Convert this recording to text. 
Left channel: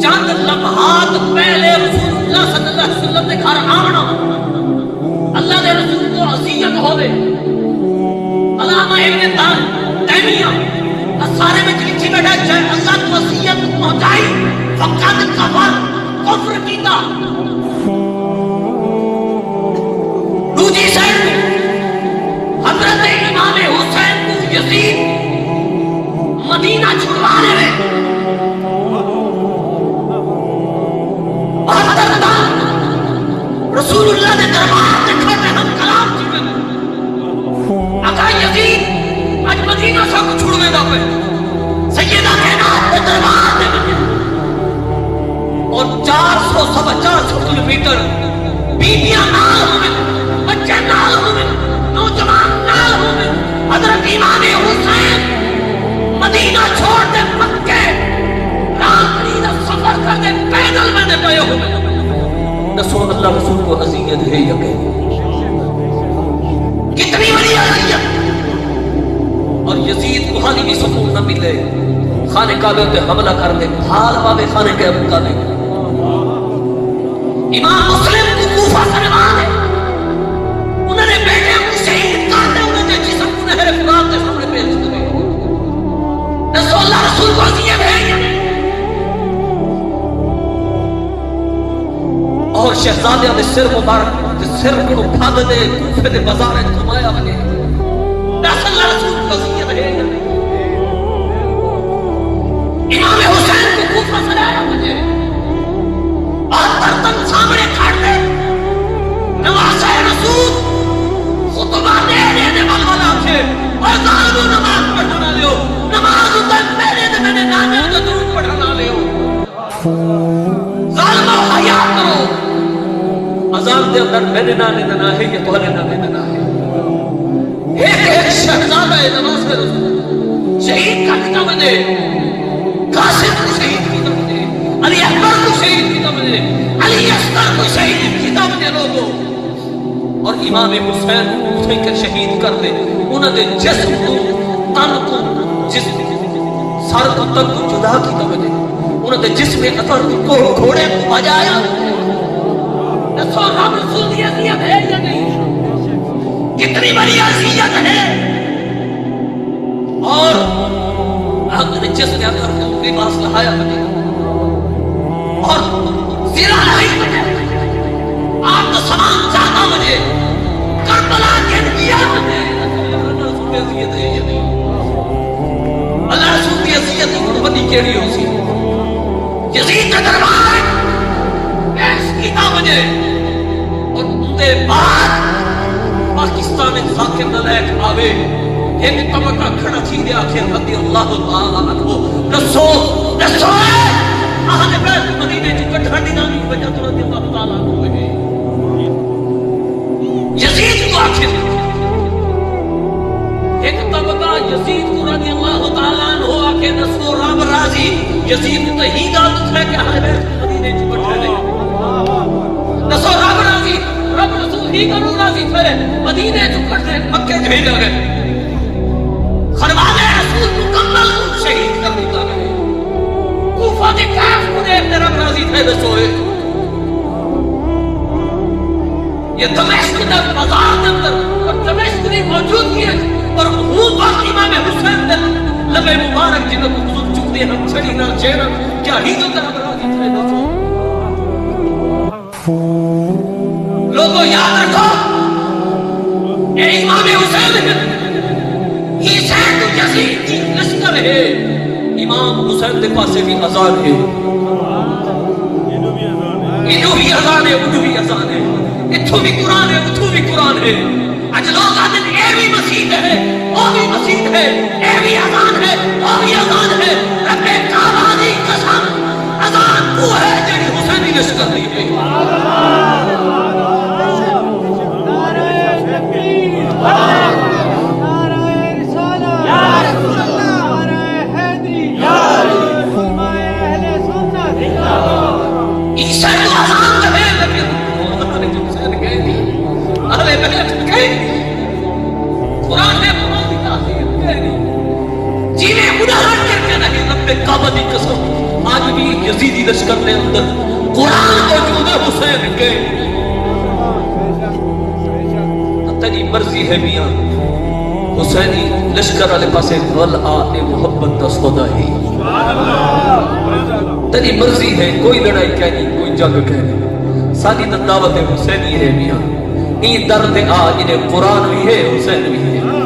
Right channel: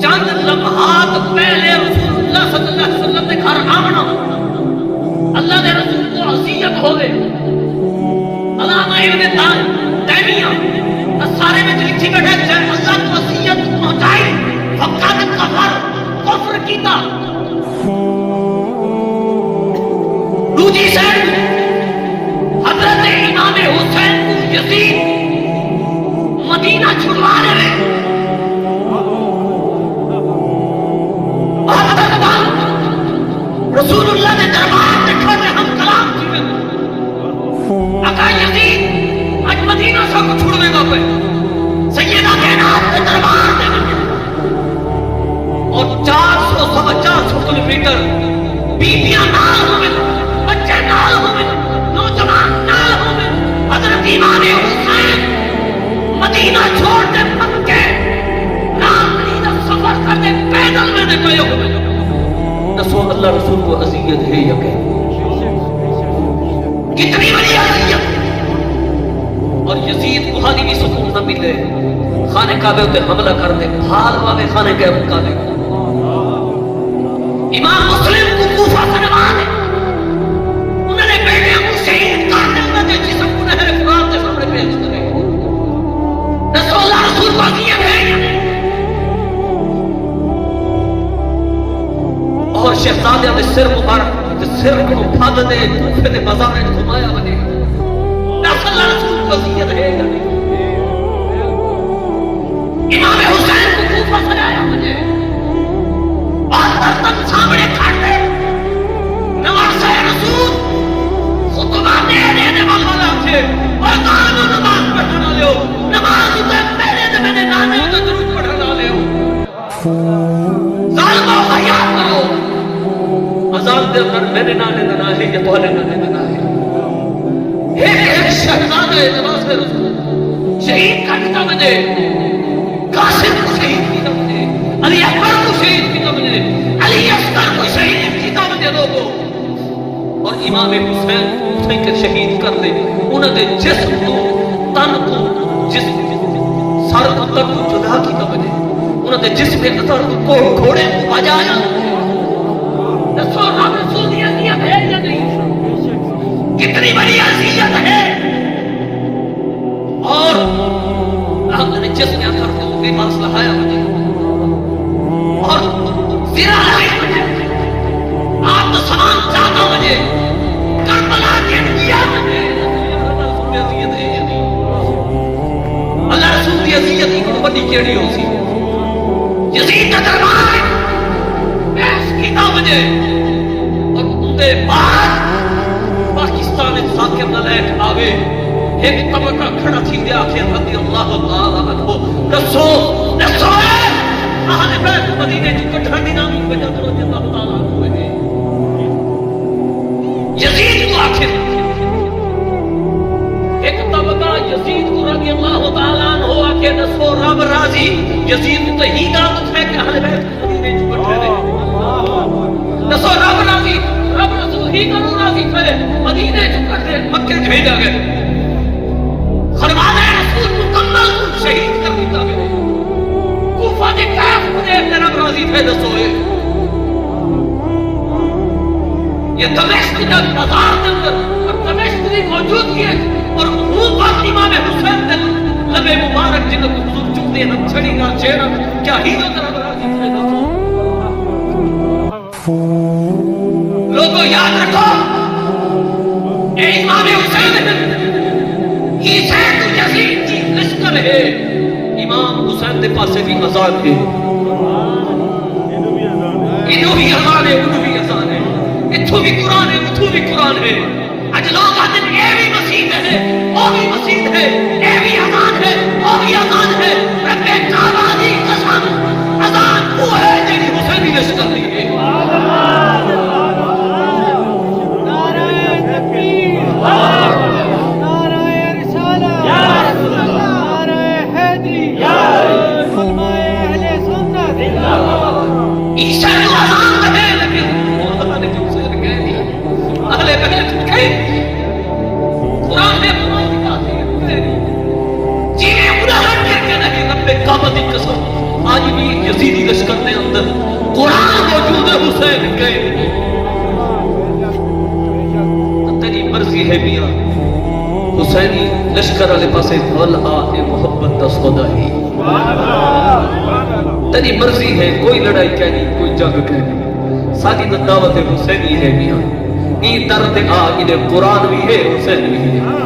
چند لمحات پہلے رسول اللہ صلی اللہ علیہ وسلم نے گھر آونا اللہ دے رسول کو عصیت ہوئے علامہ ابن تیمیہ سارے میں لکھی بیٹھا ہے اللہ کو عصیت پہنچائی فقط کفر کفر کیتا دوسری سے حضرت امام حسین کو یزید مدینہ چھڑوانے میں رسول اللہ نے دربار رکھا کہ ہم کلام کی آقا یزید آج مدینہ سب چھوڑنے دا پہ سیدہ کائنات میں دربار دے بنے اور 400 کلومیٹر بیٹیاں نال ہوئے بچے نال ہوئے نوجوان نال ہوئے حضرت امام حسین مدینہ چھوڑ دے مکے رات مدینہ سفر کر دے پیدل میں نے گئے ہوئے رسول اللہ رسول کو عزیت ہے یقین کتنی بڑی عزیت اور یزید کو حالی بھی سکون نہ ملے خانہ کعبہ پہ حملہ کر دے حال میں خانہ کعبہ مطابق امام مسلم کو کوفہ سے روان ہے انہوں نے بیٹے کو شہید کر دے انہوں نے جسم کو نہر فرات کے سامنے پیش کرے رسول اللہ رسول کو عزیت ہے اور شہزادے نے سر مطار سر کو اٹھا دے کوفے دے بازار میں سمایا بنے رسول اللہ رسول کو عزیت ہے امام حسین کو کوفہ سے لایا مجھے اور تک سامنے کھاٹے نماز رسول خطبہ دے دینے والا تھے اور قالو نماز پڑھنا لے نماز تک میرے نے نانے کا درود پڑھنا لے ظالمہ حیات کرو عذاب دے اندر میرے نانے دینا ہے یا تولے نانے دینا ہے ایک شہزادہ نماز رسول شہید کا کتاب دے قاسم کو شہید کتاب دے علی اکبر کو شہید کتاب دے علی اصغر کو شہید کتاب دے لوگوں اور امام حسین کو اٹھے کر شہید کر دے انہوں نے جسم کو تن کو جسم سر کو تن کو جدا کتاب دے انہوں نے جسم اثر کو گھوڑے کو بجایا رسول دی عزیت ہے یا نہیں کتنی بڑی عزیت ہے اور ہم نے جس نے اثر کو لباس لگایا مجھے اور زیرہ لائی مجھے آپ تو سلام چاہتا مجھے کربلا کے دیا مجھے رسول دی عزیت ہے یا نہیں اللہ رسول دی عزیت کی بڑی کیڑی ہو سی یزید کا دربار پیش کیتا مجھے اور ان کے بعد پاکستان ایک حاکم نلائق آوے ایک طبقہ کھڑا تھی دے آخر رضی اللہ تعالیٰ عنہ رسول اہل بیت مدینے جو کٹھا نامی وجہ رضی اللہ تعالیٰ عنہ ہے یزید کو آخر ایک طبقہ یزید کو رضی اللہ تعالیٰ عنہ آخر رسول رب راضی یزید تو ہی گات ہے کہ اہل بیت مدینے جو کٹھا نہیں رسول رب راضی رب رسول ہی کا راضی تھے مدینے جو کٹھے مکہ بھیجا گئے خرمانہ رسول مکمل شہید کر دیتا گئے کوفہ کے کاف مجھے رب راضی تھے رسول یہ دمشق کا بازار کے اندر اور دمشق کی موجود ہے اور خوب وقت امام حسین نے لبے مبارک جنہوں کو خود چکتے ہیں چھڑی نہ چہرہ کیا ہی تو رب راضی تھے لوگوں یاد رکھو اے امام حسین یہ شہر یزید کی لشکر ہے امام حسین دے پاسے بھی آزاد ہے انہوں بھی آزاد ہے انہوں بھی آزاد ہے اتھوں بھی قرآن ہے اتھوں بھی قرآن ہے اج لوگ آتے ہیں اے بھی مسیح ہے وہ بھی مسیح ہے اے بھی آزاد ہے وہ بھی آزاد ہے رب کعبانی قسم آزاد وہ ہے جنہی حسینی لشکر نہیں ہے عیسیٰ تے کعبہ دی قسم آج بھی یزیدی لشکر میں اندر قرآن موجود ہے حسین کے تیری مرضی ہے میاں حسینی لشکر والے پاسے ولآ محبت دا سودا ہے تیری مرضی ہے کوئی لڑائی کہنی کوئی جنگ کہنی ساری دعوت حسینی ہے میاں این درد آ انہیں قرآن بھی ہے حسین بھی ہے